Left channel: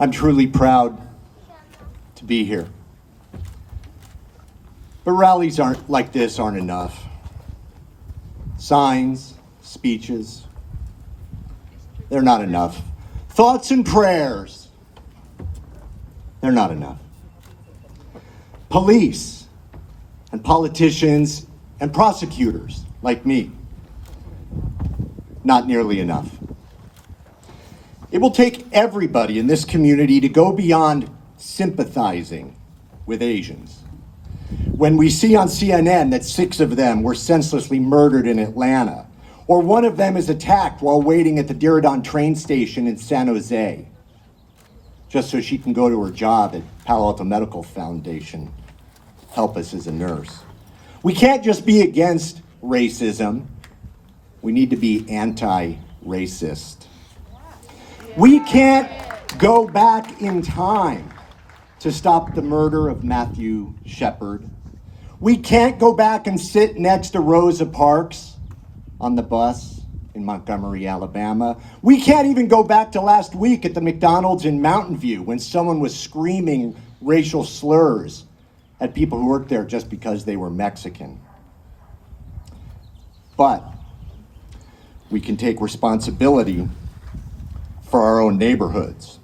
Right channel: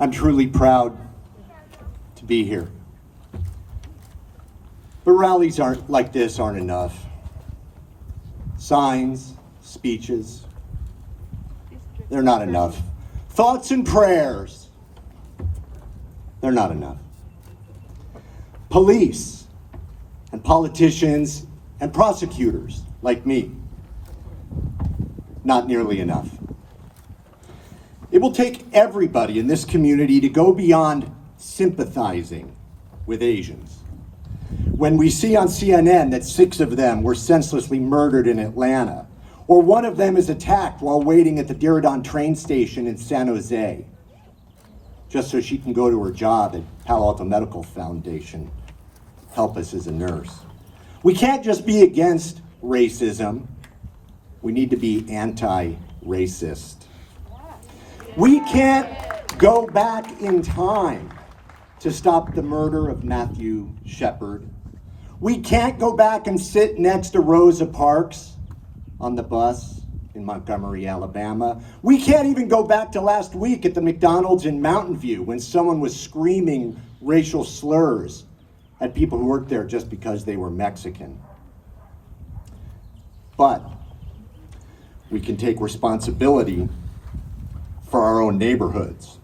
I'm truly proud to be here. But rallies like this aren't enough. Signs, speeches, they're not enough. Thoughts and prayers, they're not enough. Police and politicians and prosecutors like me, not nearly enough. It will take everybody in this community to go beyond sympathizing with Asians. When we see on CNN that 6 of them were senselessly murdered in Atlanta, or one of them is attacked while waiting at the Diridon train station in San Jose, just so she can go to her job at Palo Alto Medical Foundation, help us as a nurse. We can't just be against racism, we need to be anti-racist. We can't go back in time to stop the murder of Matthew Shepard. We can't go back and sit next to Rosa Parks on the bus in Montgomery, Alabama. We can't even go back to last week at the McDonald's in Mountain View when someone was screaming racial slurs at people who worked there just because they were Mexican. But we can take responsibility for our own neighborhoods.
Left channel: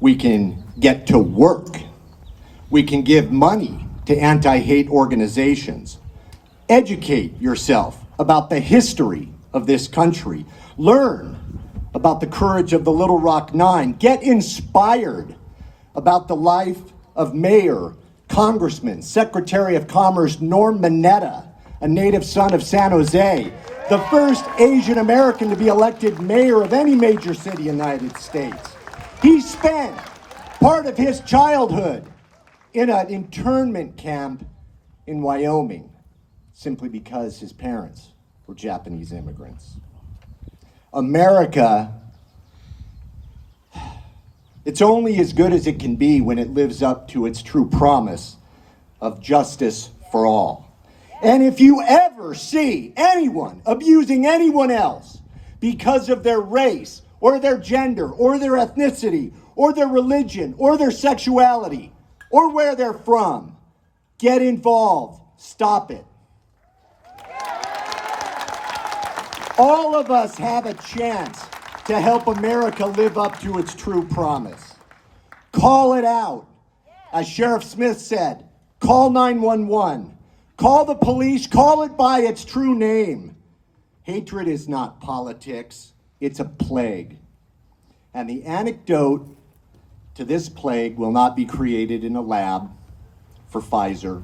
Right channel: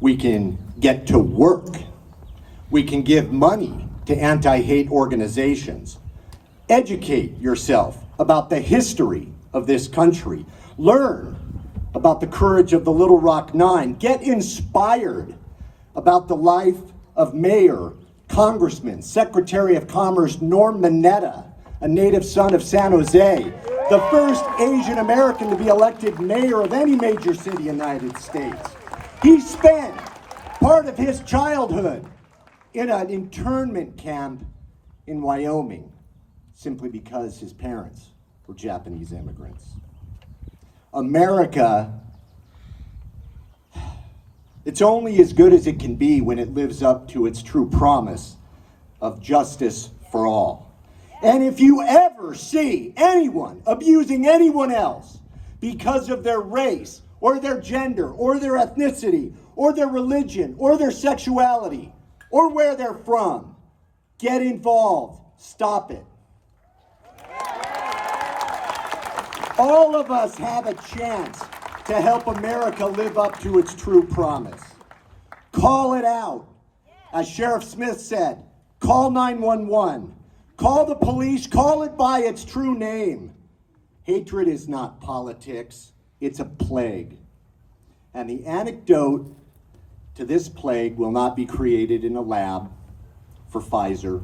We can get to work. We can give money to anti-hate organizations. Educate yourself about the history of this country. Learn about the courage of the Little Rock Nine. Get inspired about the life of Mayor, Congressman, Secretary of Commerce Norm Mineta, a native son of San Jose, the first Asian American to be elected mayor of any major city in the United States. He spent part of his childhood in an internment camp in Wyoming, simply because his parents were Japanese immigrants. America, it's only as good as it can be when it lives up to its true promise of justice for all. And if you ever see anyone abusing anyone else because of their race or their gender or their ethnicity or their religion or their sexuality or where they're from, get involved, stop it. All of us have a chance to help America live up to its true promise. Call it out. As Sheriff Smith said, call 911. Call the police, call it by its true name. Hatred is not politics, it's a plague. And the antidote to this plague will not be created in a lab for Pfizer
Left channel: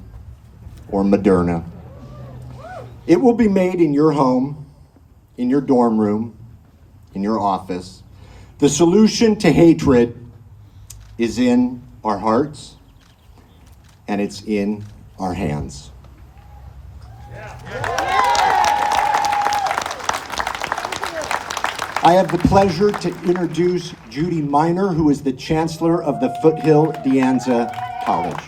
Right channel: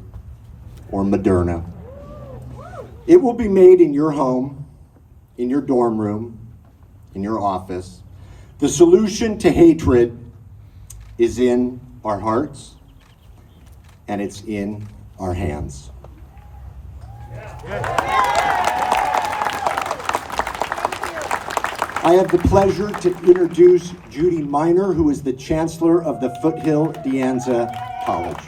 or Moderna. It will be made in your home, in your dorm room, in your office. The solution to hatred is in our hearts, and it's in our hands. I have the pleasure to introduce Judy Minor, who is the Chancellor of the Foothill De Anza College.